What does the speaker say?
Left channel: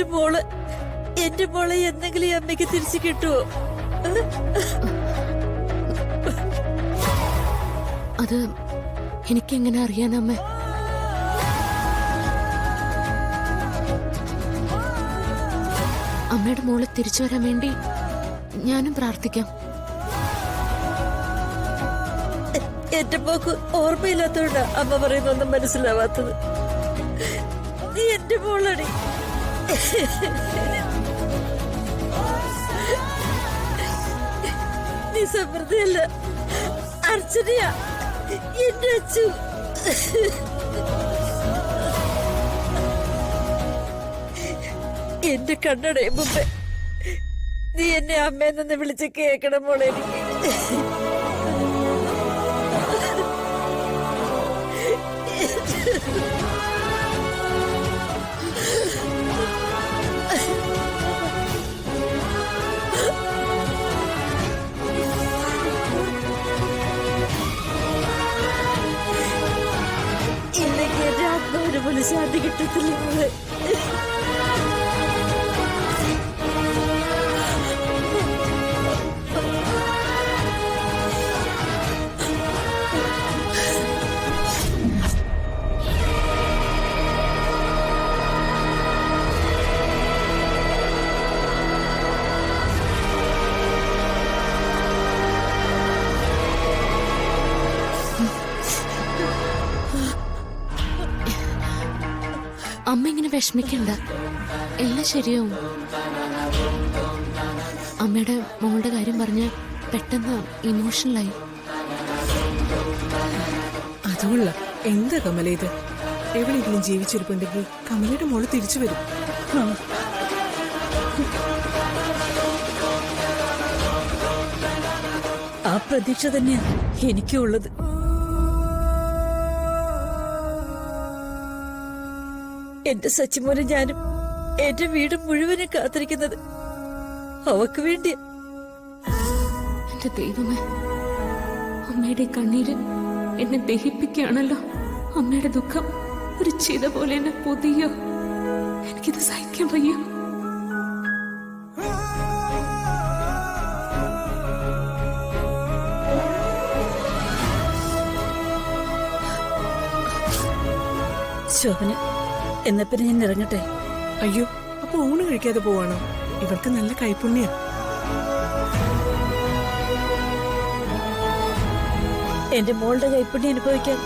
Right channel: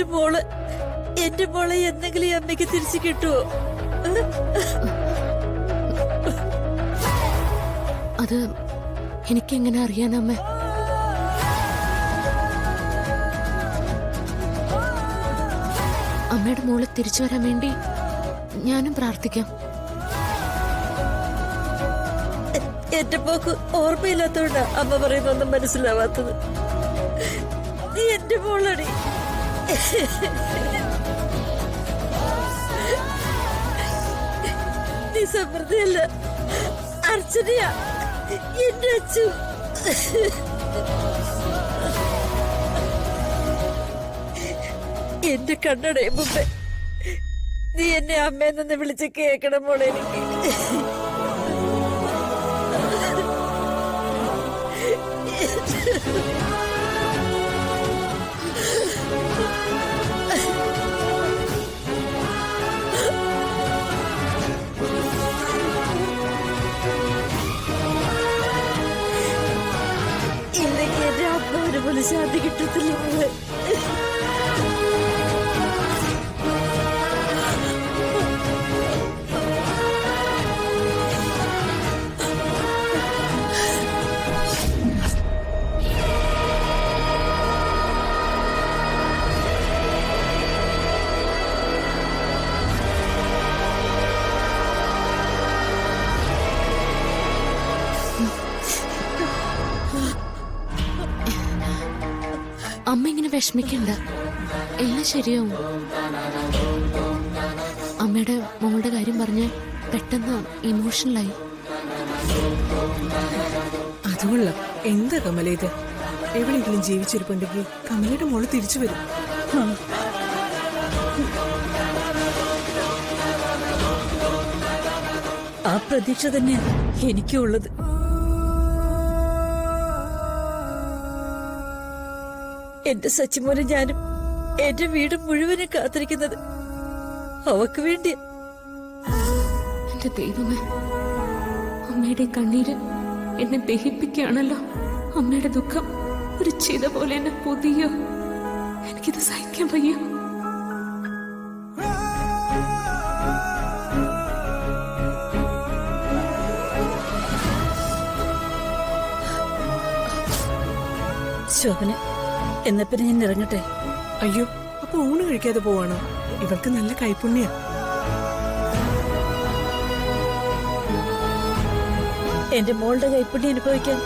എന്റെ മോളെ എന്തെങ്കിലും ഈ അമ്മയ്ക്ക് തിരിച്ചു കിട്ടുമോ? അത് എനിക്കെങ്ങനെ അറിയാനമ്മ? അമ്മയുടെ മോളെ തിരിച്ചു വരാൻ വേണ്ടി ഞാനും പ്രാർത്ഥിക്കാം. എന്റെ മോക്ക് ഓർമ്മയില്ലാത്തോണ്ടാ അമ്മ പറയുന്നൊന്നും മനസ്സിലാവാത്തത്. നീ എന്റെ മോളടി. നീ സമൃദ്ധിയല്ല, അർച്ചനയാ എന്റെ അച്ചു. എന്റെ കണ്ണടയും മുമ്പേ നീ എന്നെ അമ്മയെന്ന് വിളിച്ച് കേക്കണം മോളെ. എനിക്ക് ഇല്ലെങ്കിൽ എന്റെ ആത്മാവിന് പോലും ശാന്തി കിട്ടത്തില്ല മോളെ. അമ്മ ഇങ്ങനെ വിഷമിക്കണ്ട, എല്ലാം ശരിയാവും. അമ്മയുടെ മോളുടെ കാര്യം പറഞ്ഞ് പെട്ടെന്ന് ഇമോഷണലായി. അതുകൊള്ള എന്താ കമല ഇത്? എവിടെയെങ്കിലും ജീവിച്ചിരിപ്പുണ്ടെങ്കിൽ കമലയുടെ മോള് തിരിച്ചു വരും. ആ പ്രതീക്ഷ തന്നെയാ എനിക്കും ഉള്ളത്. എന്റെ സച്ചിമോനെ ഞാനും എന്റെ വീട് മുഴുവനും കാത്തിരിക്കുന്നത് അവക്ക് വേണ്ടിയാ. എന്റെ ദൈവമേ, അമ്മയുടെ കണ്ണീര് എന്നെ ദഹിപ്പിക്കുകയാണല്ലോ. അമ്മയുടെ ദുഃഖം ഒരു ചിത പോലെ എന്നെ പൊതിയോ. എനിക്കിത് സഹിക്കാൻ വയ്യ. ശോഭന, എന്നാ പിന്നെ ഞാൻ ഇറങ്ങട്ടെ. അയ്യോ, അപ്പൊ ഊണ് കഴിക്കാതെ പോവാണോ? ഇവർക്ക് നല്ല കൈപ്പുണ്യ. എന്റെ മോളുടെ കൈപ്പുണ്യം അനുഭവിക്കാൻ